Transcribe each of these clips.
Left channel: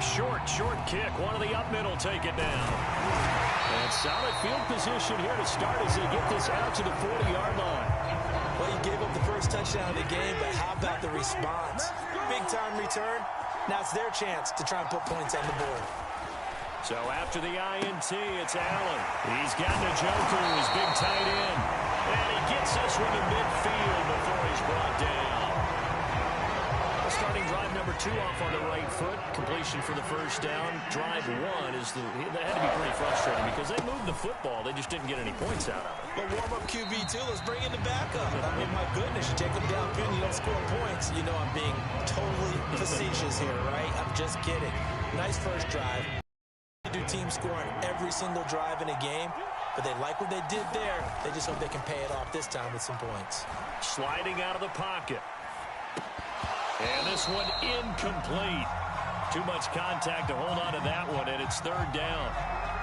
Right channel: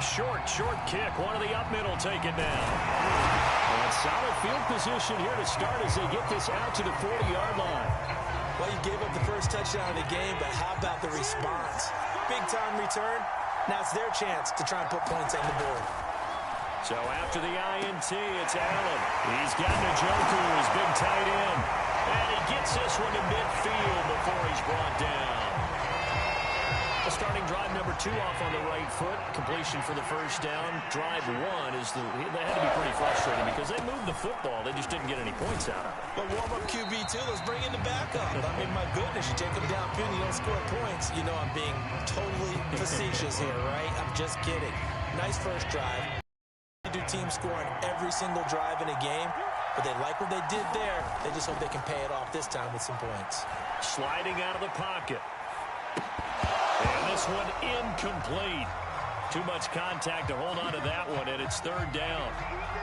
Short kick. One of the up middle take it down. And solid field position here to start as they get this out to the 40-yard line. Well, you gave up the first touchdown of the game, but how about the response? Big-time return. Now it's their chance to try and put points on the board. So after the INT, it's Allen. He's got Njoku, his big tight end. And he gets this one to midfield before he's brought down. Starting drive number 2 off on the right foot. Completion for the first down. Drive 1 is they had to be pretty frustrating because they moved the football. They just didn't get any points out of it. But warm-up QB2, let's bring in the backup. I mean, my goodness, you take them downfield and you don't score points. You know I'm being totally facetious here, right? I'm just kidding. Nice first drive. You do team scoring every single drive in a game, but they like what they did there. They just hope they can pay it off this time with some points. Sliding out of the pocket. And this one incomplete. Too much contact to hold on to that one, and it's third down.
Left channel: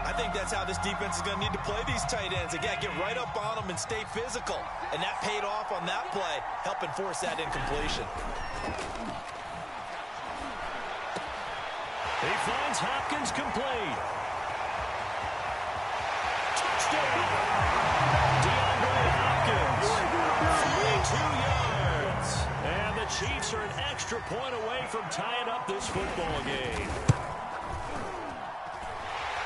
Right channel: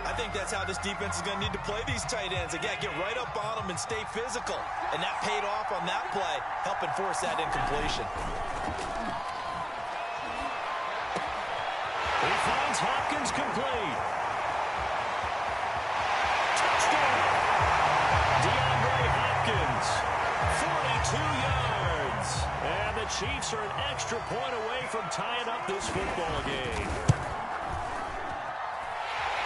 I think that's how this defense is going to need to play these tight ends. Again, get right up on them and stay physical. And that paid off on that play, helping force that incompletion. He finds Hopkins complete. Touchdown! DeAndre Hopkins, 42 yards. And the Chiefs are an extra point away from tying up this football game.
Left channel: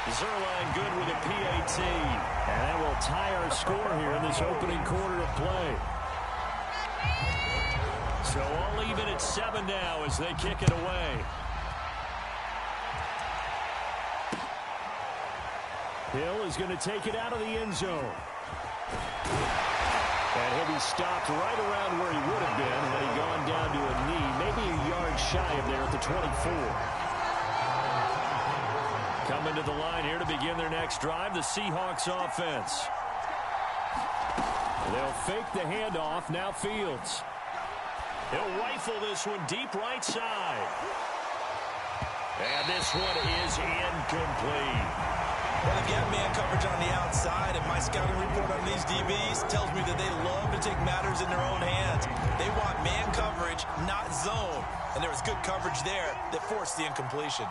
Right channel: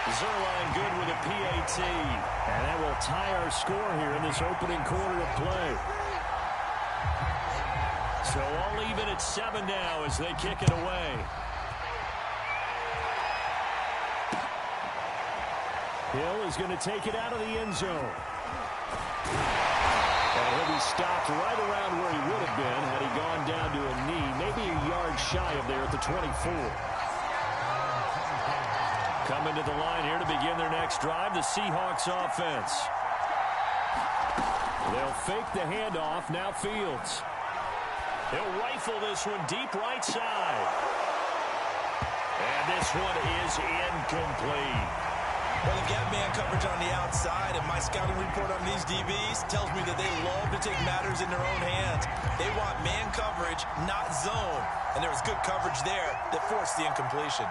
Zuerlein good with a PAT. And that will tie our score here in this opening quarter of play. So all even at 7 now as they kick it away. Hill is going to take it out of the end zone. And he'll be stopped right around where he would have been had he gone down to a knee, maybe a yard shy of there at the 24. Coming to the line here to begin their next drive, the Seahawks offense. They'll fake the handoff, now Fields. He'll rifle this one deep right side. And this one is incomplete. Well, they've got man coverage on the outside, and my scouting report on these DBs tells me that they love to take matters in their own hands. They want man coverage, not zone. And there was good coverage there that forced the incompletion.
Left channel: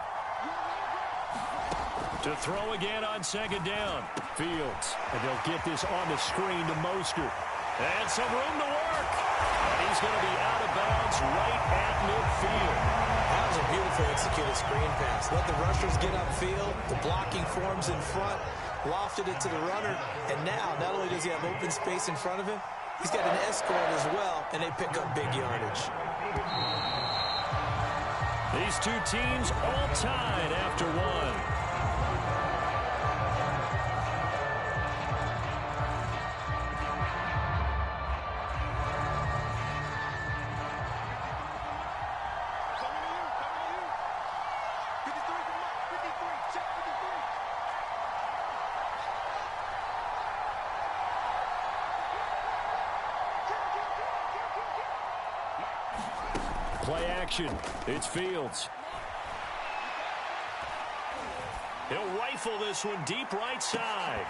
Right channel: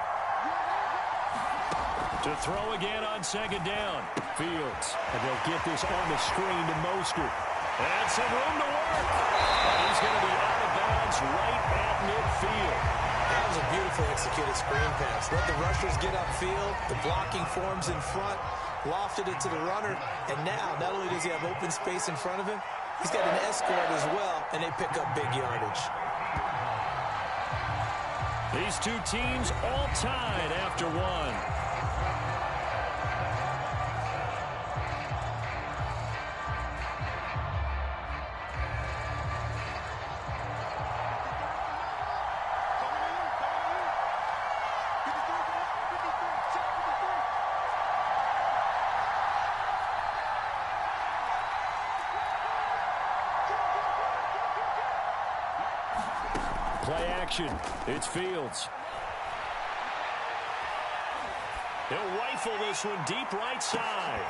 To throw again on second down. Fields. And they'll get this on the screen to Mostert. And some room to work. And he's going to be out of bounds right at midfield. That was a beautifully executed screen pass. Let the rushers get upfield. The blocking forms in front. Lofted it to the runner. And now, not only does he have open space in front of him, he's got an escort as well, and they pick up big yardage. These two teams all tied after one. Play action. It's Fields. He'll rifle this one deep right side.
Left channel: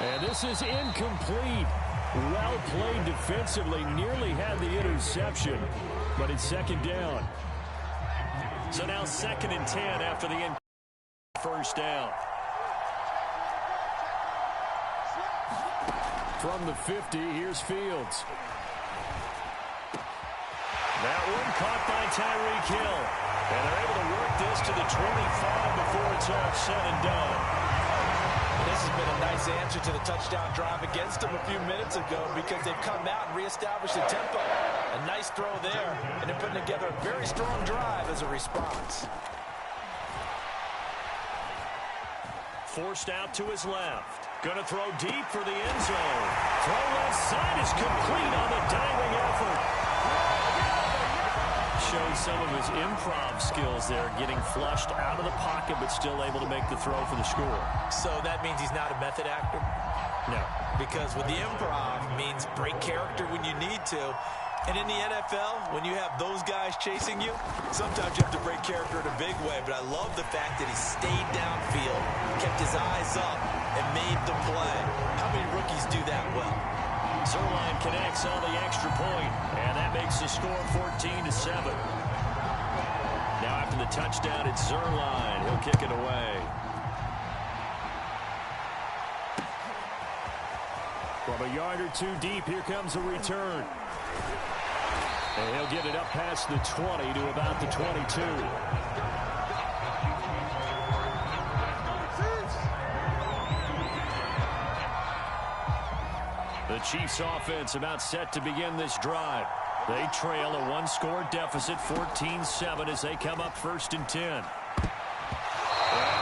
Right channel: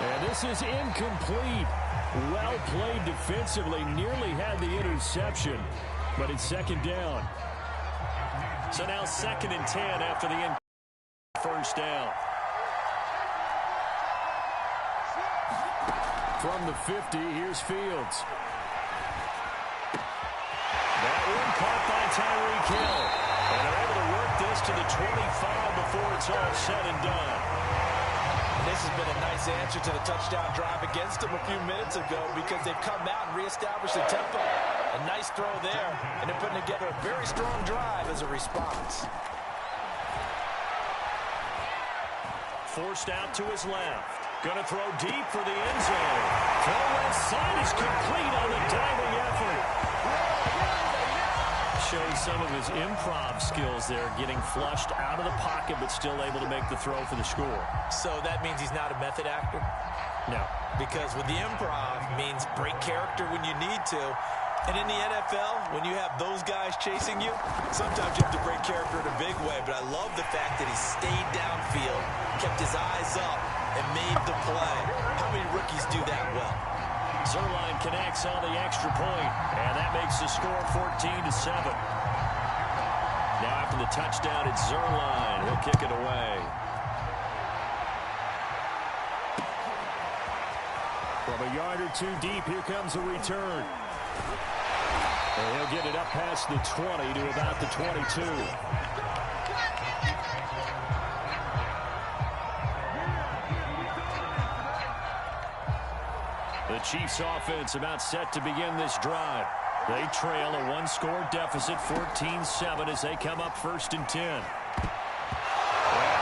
And this is incomplete. Well played defensively. Nearly had the interception, but it's second down. So now 2nd and 10 after the first down. From the 50, here's Fields. That one caught by Tyreek Hill. And they're able to work this to the 25 before it's all said and done. And this has been a nice answer to the touchdown drive against them a few minutes ago because they've come out and reestablished the tempo. A nice throw there, and they're putting together a very strong drive as a response. Forced out to his left. Going to throw deep for the end zone. Throw left side is complete on the diving effort. Showed some of his improv skills there, getting flushed out of the pocket but still able to make the throw for the score. So that means he's not a method actor? No. Because with the improv means break character when you need to. And in the NFL, when you have those guys chasing you, sometimes you have to break character in a big way. But I love the fact that he stayed downfield, kept his eyes up, and made the play. How many rookies do that well? Zuerlein connects on the extra point, and that makes the score 14-7. Now after the touchdown, it's Zuerlein. He'll kick it away. From a yard or two deep, here comes a return. And he'll get it up past the 20 to about the 22. The Chiefs offense about set to begin this drive. They trail a one-score deficit, 14-7, as they come up 1st and 10. And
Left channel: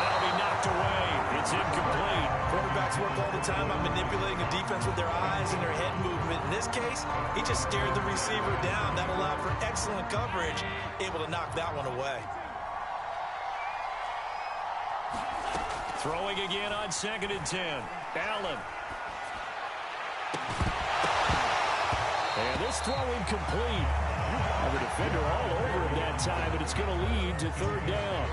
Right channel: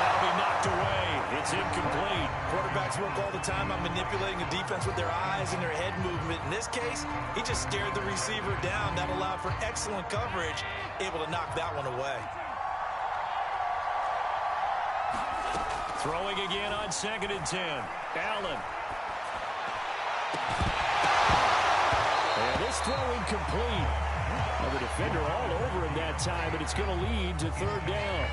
that'll be knocked away. It's incomplete. Quarterbacks work all the time on manipulating a defense with their eyes and their head movement. In this case, he just stared the receiver down. That allowed for excellent coverage, able to knock that one away. Throwing again on 2nd and 10. Allen. And this throw incomplete. Now the defender all over him that time, but it's going to lead to 3rd down.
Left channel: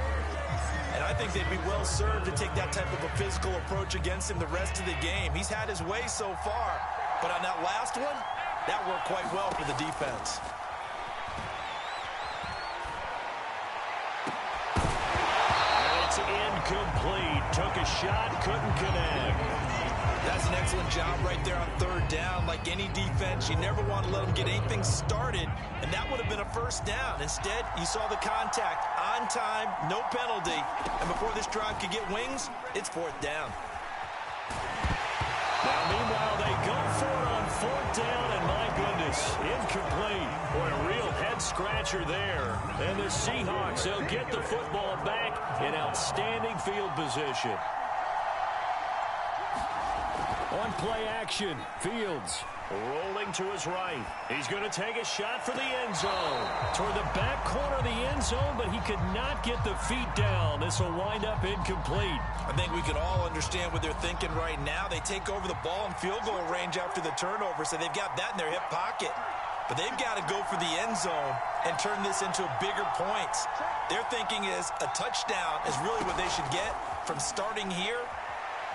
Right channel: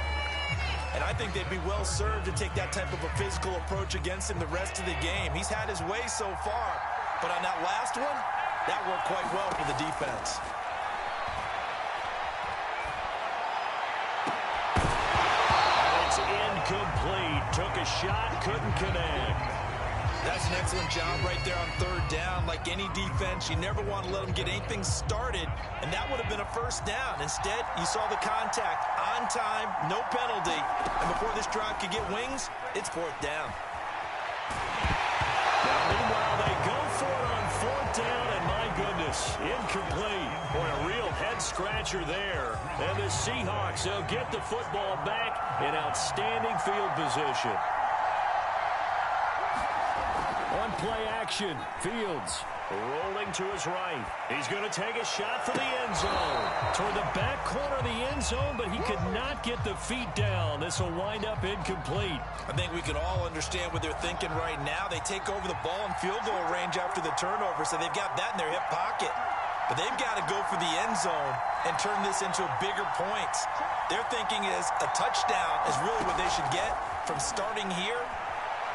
And I think they'd be well served to take that type of a physical approach against him the rest of the game. He's had his way so far, but on that last one, that worked quite well for the defense. And it's incomplete. Took a shot, couldn't connect. That's an excellent job right there on 3rd down. Like any defense, you never want to let them get anything started, and that would have been a 1st down. Instead, you saw the contact on time, no penalty, and before this drive could get wings, it's 4th down. Now, meanwhile, they go for it on 4th down, and my goodness, incomplete. Boy, a real head-scratcher there. And the Seahawks, they'll get the football back in outstanding field position. On play action, Fields rolling to his right. He's going to take a shot for the end zone. Toward the back corner of the end zone, but he could not get the feet down. This will wind up incomplete. I think we can all understand what they're thinking right now. They take over the ball in field goal range after the turnover, so they've got that in their hip pocket. But they've got to go for the end zone and turn this into bigger points. Their thinking is a touchdown is really what they should get from starting here.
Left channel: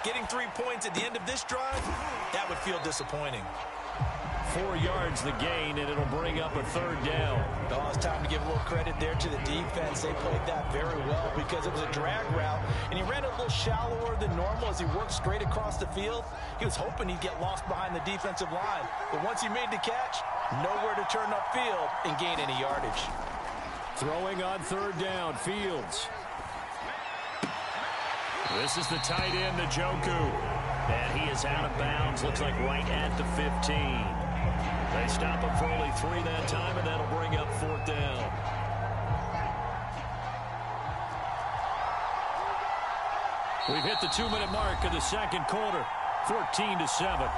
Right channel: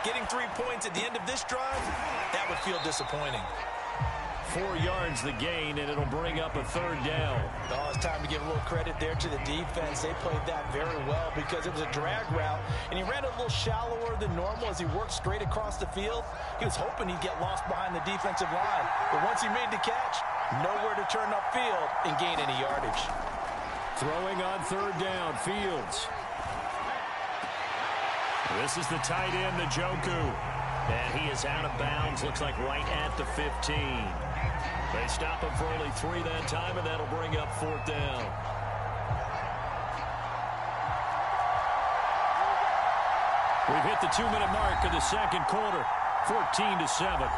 Getting 3 points at the end of this drive, that would feel disappointing. 4 yards the gain, and it'll bring up a 3rd down. Oh, it's time to give a little credit there to the defense. They played that very well because it was a drag route, and he ran a little shallower than normal as he worked straight across the field. He was hoping he'd get lost behind the defensive line, but once he made the catch, nowhere to turn upfield and gain any yardage. Throwing on 3rd down, Fields. This is the tight end, Njoku. And he is out of bounds, looks like right at the 15. They stop him for only 3 that time, and that'll bring up 4th down. We've hit the 2-minute mark of the 2nd quarter, 14-7.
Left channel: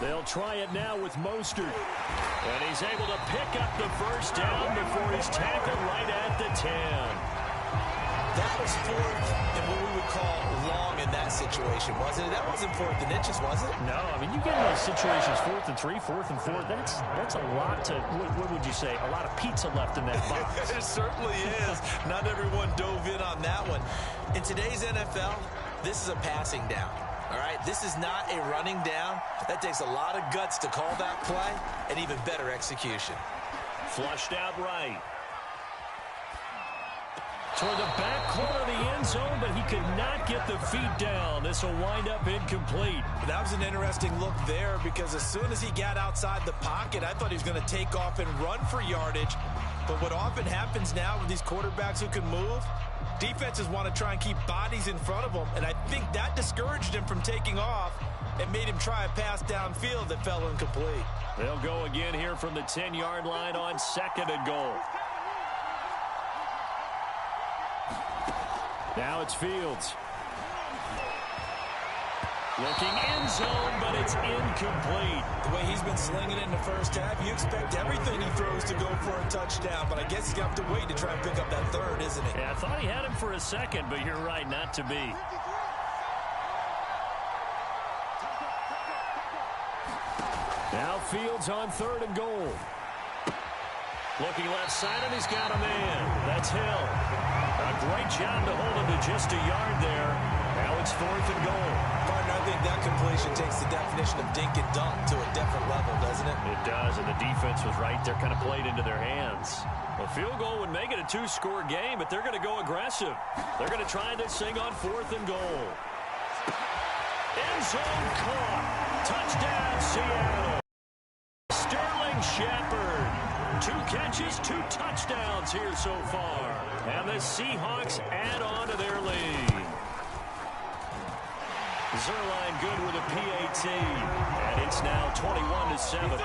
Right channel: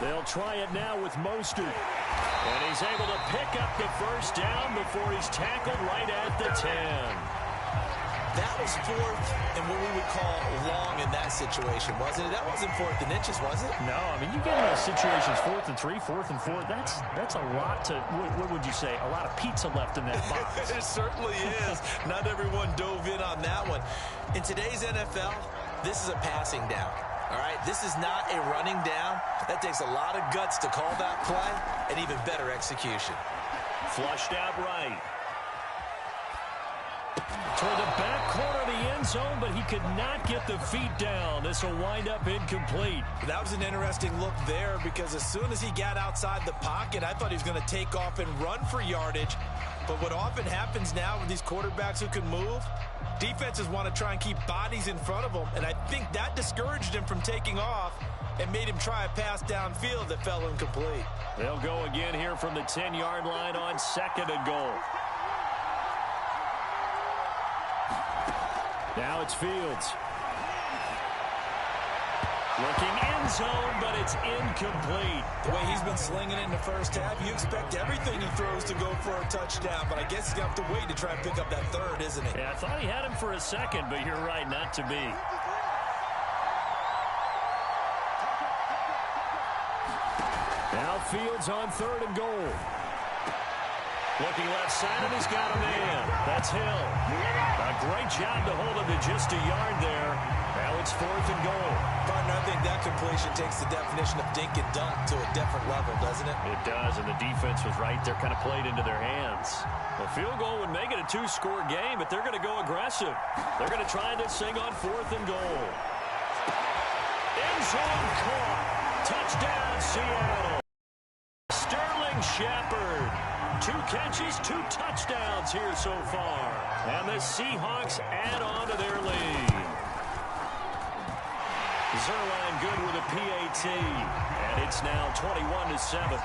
They'll try it now with Mostert. And he's able to pick up the 1st down before he's tackled right at the 10. That was 4th and what we would call long in that situation, wasn't it? That wasn't 4th and inches, was it? No, I mean, you get in those situations, 4th and 3, 4th and 4. That's a lot to, what would you say, a lot of pizza left in that box. It certainly is. Not everyone dove in on that one. In today's NFL, this is a passing down. All right, this is not a running down. That takes a lot of guts to call that play and even better execution. Flushed out right. Toward the back corner of the end zone, but he could not get the feet down. This will wind up incomplete. That was an interesting look there because as soon as he got outside the pocket, I thought he was going to take off and run for yardage. But what often happens now with these quarterbacks who can move, defenses want to try and keep bodies in front of them, and I think that discouraged him from taking off and made him try a pass downfield that fell incomplete. They'll go again here from the 10-yard line on 2nd and goal. Now it's Fields. Looking end zone, but it's incomplete. The way he's been slinging it in the first half, you expect everything he throws to go for a touchdown, but I guess he's going to have to wait to try and pick up that third, isn't he? Yeah, I thought he had him for a second, but you're right, not to be. Now Fields on 3rd and goal. Looking left side, and he's got a man. That's Hill. A great job to hold him to just a yard there. Now it's 4th and goal. Partner, I think that completion takes the definition of dink and dunk to a different level, doesn't it? It does, and the defense was right there, kind of played into their hands. A field goal would make it a 2-score game, but they're going to go aggressive. They're going to try this thing on 4th and goal. End zone caught. Touchdown, Seattle. Sterling Shepard. 2 catches, 2 touchdowns here so far. And the Seahawks add on to their lead. Zuerlein good with a PAT. And it's now 21-7.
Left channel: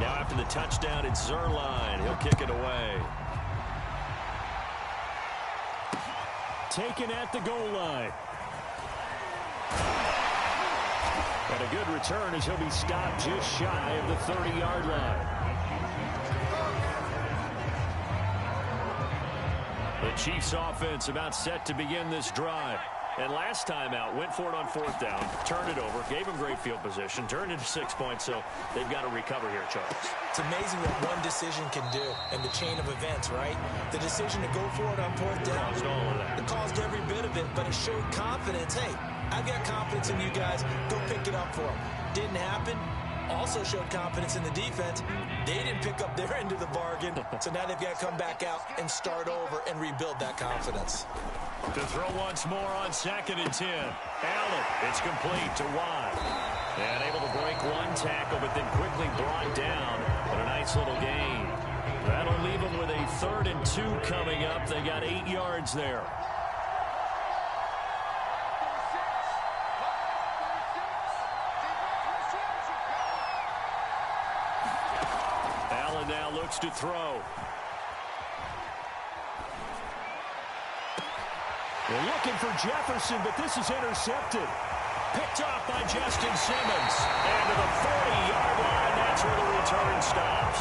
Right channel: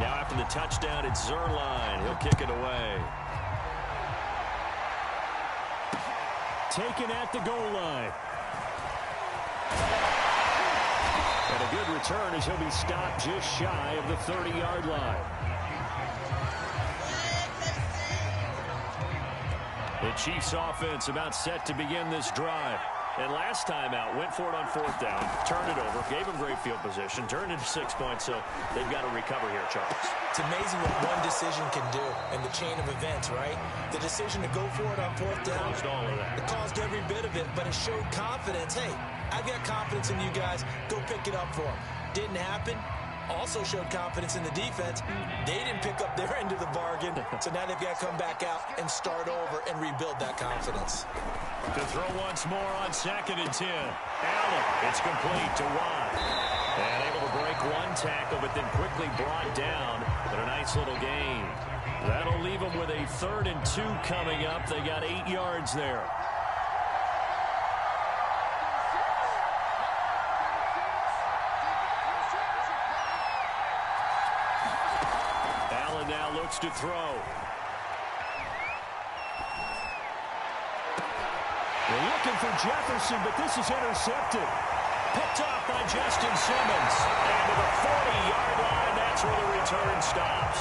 Now after the touchdown, it's Zuerlein. He'll kick it away. Taken at the goal line. And a good return as he'll be stopped just shy of the 30-yard line. The Chiefs offense about set to begin this drive. And last time out, went for it on 4th down, turned it over, gave them great field position, turned it to 6 points, so they've got to recover here, Charles. It's amazing what one decision can do in the chain of events, right? The decision to go for it on 4th down. Caused all of that. It caused every bit of it, but it showed confidence. Hey, I've got confidence in you guys. Go pick it up for them. Didn't happen. Also showed confidence in the defense. They didn't pick up their end of the bargain, so now they've got to come back out and start over and rebuild that confidence. To throw once more on 2nd and 10. Allen, it's complete to Watt. And able to break one tackle, but then quickly brought down. But a nice little gain. That'll leave them with a 3rd and 2 coming up. They got 8 yards there. Allen now looks to throw. They're looking for Jefferson, but this is intercepted. Picked off by Justin Simmons. And to the 40-yard line, that's where the return stops.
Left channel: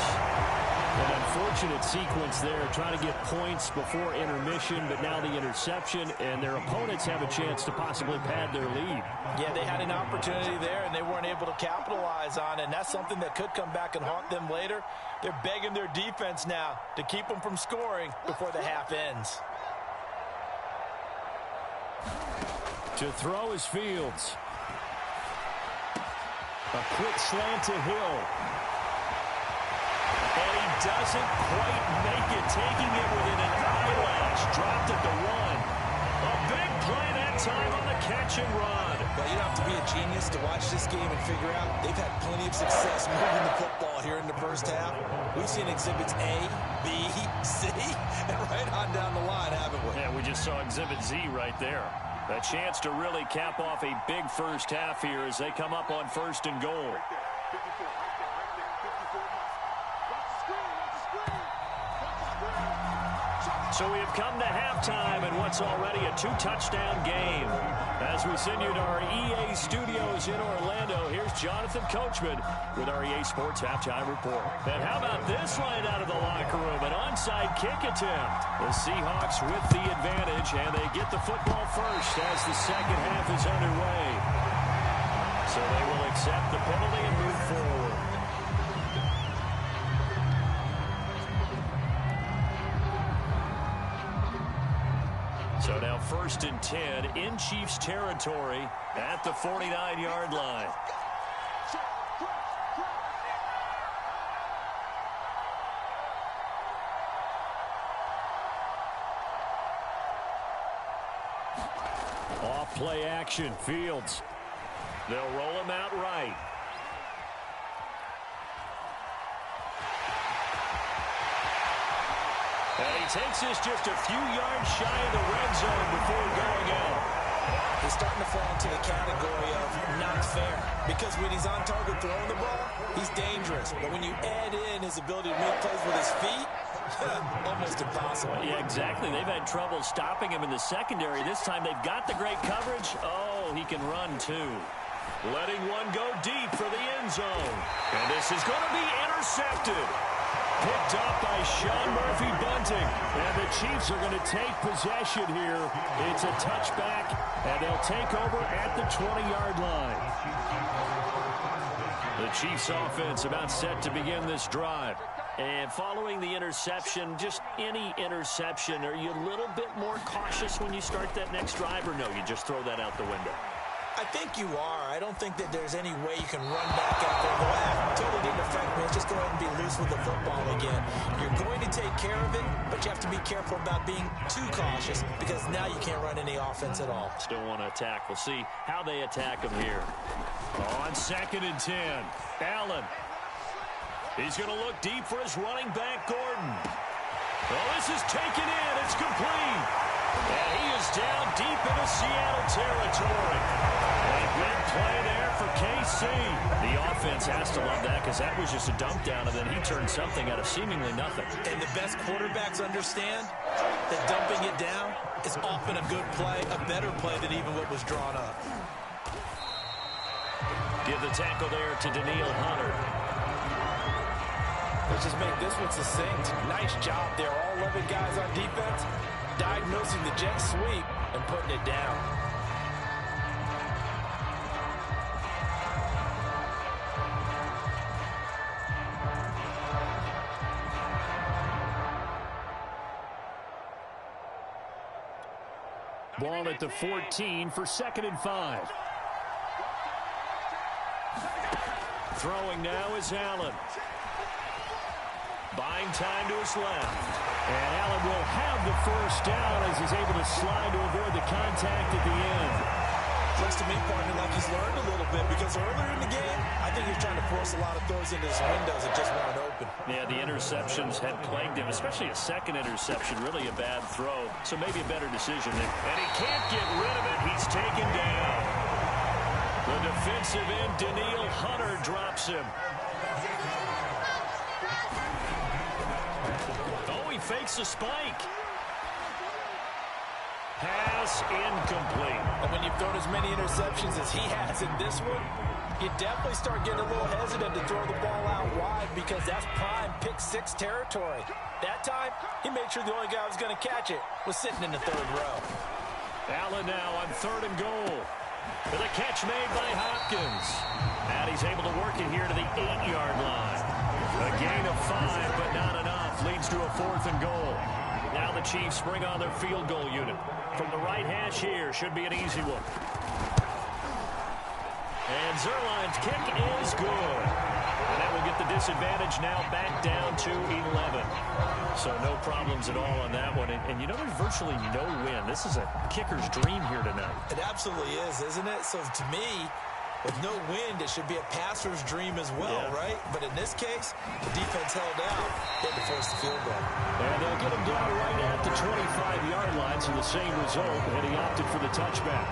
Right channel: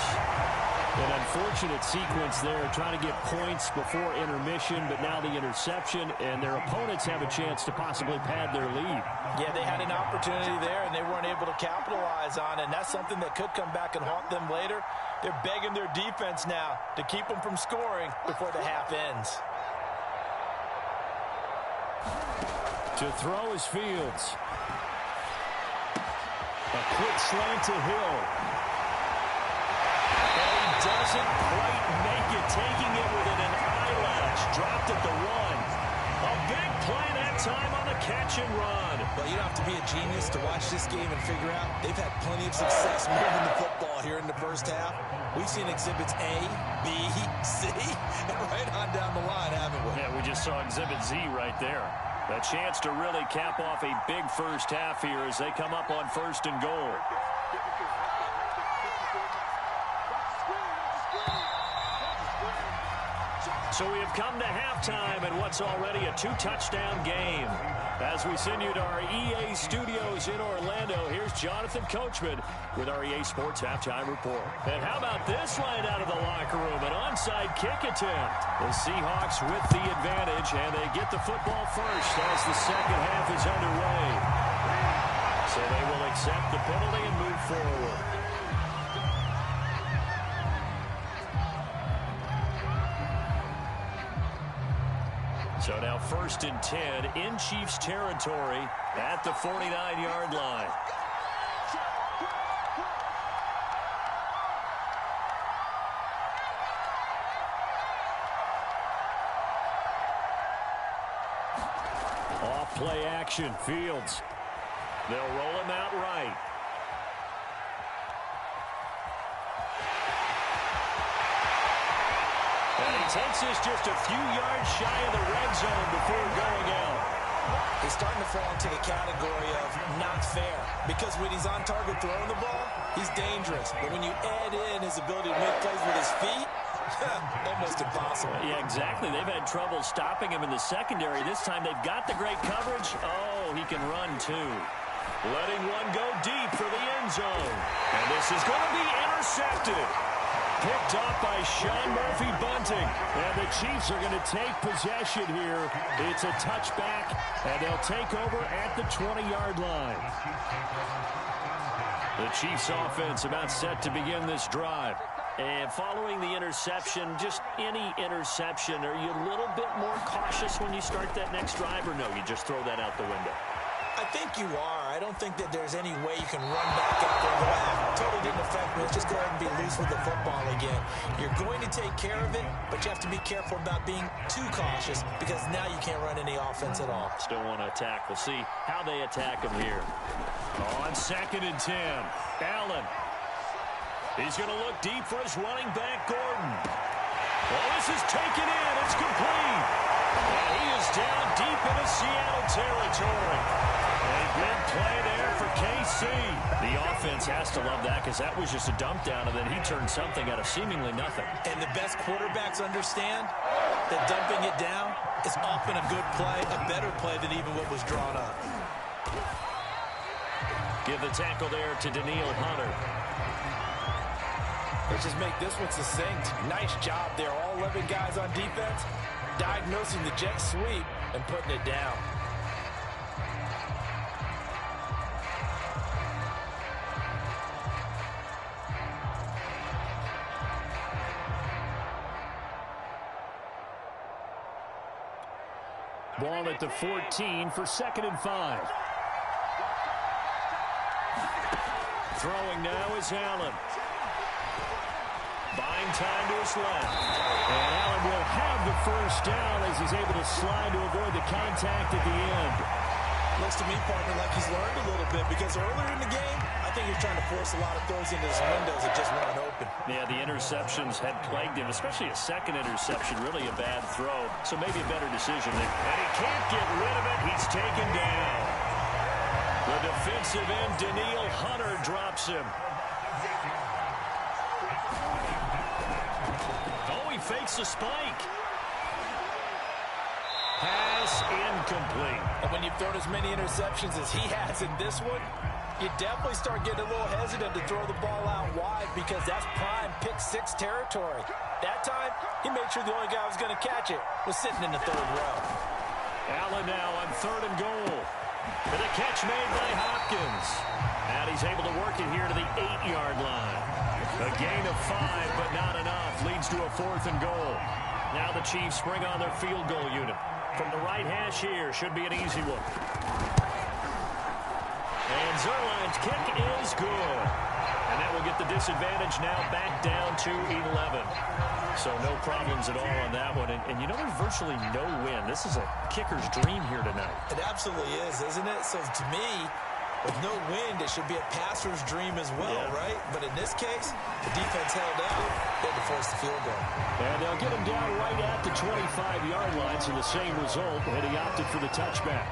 An unfortunate sequence there, trying to get points before intermission, but now the interception, and their opponents have a chance to possibly pad their lead. Yeah, they had an opportunity there, and they weren't able to capitalize on it, and that's something that could come back and haunt them later. They're begging their defense now to keep them from scoring before the half ends. To throw is Fields. A quick slant to Hill. And he doesn't quite make it, taking it within an eyelash. Dropped it to 1. A big play that time on the catch and run. Well, you don't have to be a genius to watch this game and figure out they've had plenty of success moving the football here in the first half. We've seen exhibits A, B, C, and right on down the line, haven't we? Yeah, we just saw exhibit Z right there. A chance to really cap off a big first half here as they come up on 1st and goal. So we have come to halftime in what's already a 2-touchdown game. As we send you to our EA studios in Orlando, here's Jonathan Coachman with our EA Sports Halftime Report. And how about this right out of the locker room? An onside kick attempt. The Seahawks with the advantage, and they get the football first as the second half is underway. So they will accept the penalty and move forward. So now 1st and 10 in Chiefs territory at the 49-yard line. Off play action, Fields. They'll roll him out right. And he takes this just a few yards shy of the red zone before going out. He's starting to fall into the category of not fair, because when he's on target throwing the ball, he's dangerous. But when you add in his ability to make plays with his feet, Almost impossible. Yeah, exactly. They've had trouble stopping him in the secondary. This time they've got the great coverage. Oh, he can run too. Letting one go deep for the end zone. And this is going to be intercepted. Picked up by Sean Murphy-Bunting. And the Chiefs are going to take possession here. It's a touchback, and they'll take over at the 20-yard line. The Chiefs offense about set to begin this drive. And following the interception, just any interception, are you a little bit more cautious when you start that next drive, or no, you just throw that out the window? I think you are. I don't think that there's any way you can run back out there and go, totally didn't affect me. Let's just go ahead and be loose with the football again. You're going to take care of it, but you have to be careful about being too cautious because now you can't run any offense at all. Still want to attack. We'll see how they attack him here. On 2nd and 10, Allen. He's going to look deep for his running back, Gordon. Well, this is taken in. It's complete. And he is down deep into Seattle territory. A big play there for KC. The offense has to love that because that was just a dump down, and then he turned something out of seemingly nothing. And the best quarterbacks understand that dumping it down is often a good play, a better play than even what was drawn up. Give the tackle there to Danielle Hunter. Let's just make this one succinct. Nice job there. All 11 guys on defense diagnosing the jet sweep and putting it down. Ball at the 14 for 2nd and 5. Throwing now is Allen. Buying time to his left. And Allen will have the first down as he's able to slide to avoid the contact at the end. Looks to me, partner, like he's learned a little bit because earlier in the game, I think he was trying to force a lot of throws into his windows that just weren't open. Yeah, the interceptions had plagued him, especially a second interception, really a bad throw. So maybe a better decision there. And he can't get rid of it. He's taken down. The defensive end, Danielle Hunter, drops him. Oh, he fakes the spike. Pass incomplete. And when you've thrown as many interceptions as he has in this one, you definitely start getting a little hesitant to throw the ball out wide because that's prime pick six territory. That time, he made sure the only guy who was going to catch it was sitting in the third row. Allen now on 3rd and goal. With a catch made by Hopkins. And he's able to work it here to the 8-yard line. A gain of 5, but not enough. Leads to a 4th and goal. Now the Chiefs bring on their field goal unit. From the right hash here, should be an easy one. And Zuerlein's kick is good. And that will get the disadvantage now back down to 11. So no problems at all on that one. And you know, there's virtually no win. This is a kicker's dream here tonight. It absolutely is, isn't it? So to me, with no wind, it should be a passer's dream as well, yeah. Right? But in this case, the defense held out. They had to force the field goal. And they'll get him down right at the 25-yard line, so the same result, and he opted for the touchback.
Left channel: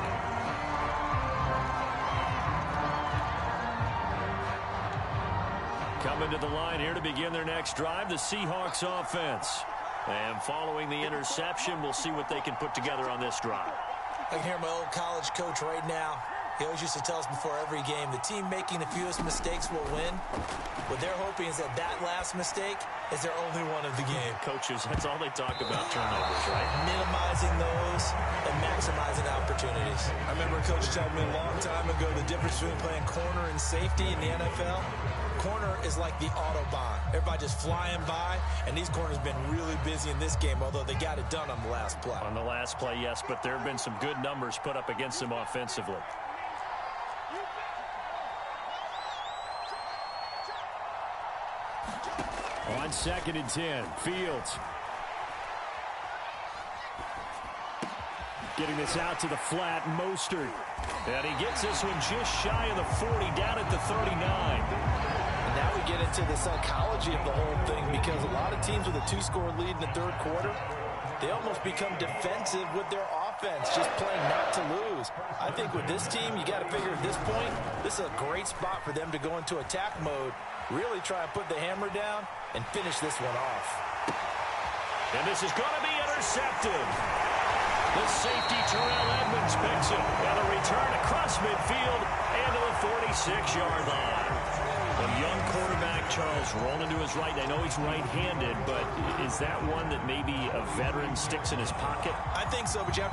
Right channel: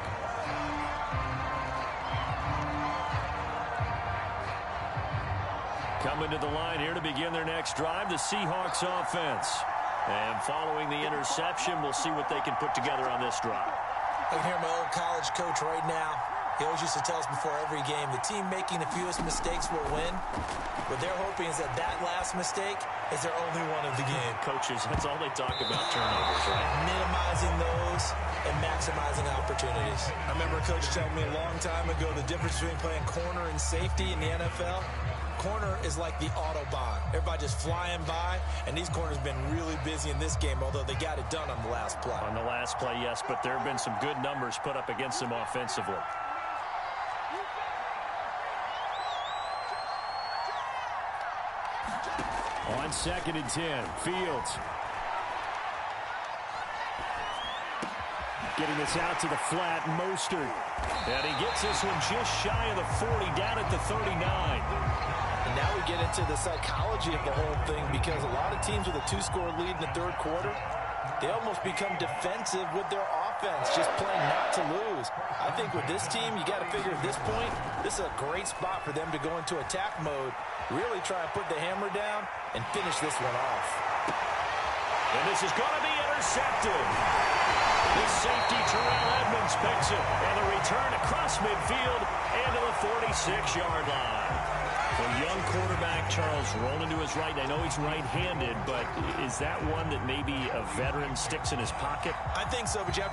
Coming to the line here to begin their next drive, the Seahawks offense. And following the interception, we'll see what they can put together on this drive. I can hear my old college coach right now. He always used to tell us before every game, the team making the fewest mistakes will win. What they're hoping is that that last mistake is their only one of the game. Coaches, that's all they talk about, turnovers, right? Minimizing those and maximizing opportunities. I remember a coach telling me a long time ago the difference between playing corner and safety in the NFL. Corner is like the Autobahn. Everybody just flying by, and these corners have been really busy in this game, although they got it done on the last play. On the last play, yes, but there have been some good numbers put up against them offensively. On 2nd and 10, Fields. Getting this out to the flat, Mostert. And he gets this one just shy of the 40, down at the 39. And now we get into the psychology of the whole thing because a lot of teams with a 2-score lead in the third quarter, they almost become defensive with their offense, just playing not to lose. I think with this team, you got to figure at this point, this is a great spot for them to go into attack mode, really try and put the hammer down and finish this one off. And this is going to be intercepted. The safety, Terrell Edmonds, picks it. And the return across midfield and to the 46-yard line. When young quarterback Charles rolling to his right, I know he's right-handed, but is that one that maybe a veteran sticks in his pocket? I think so, but you have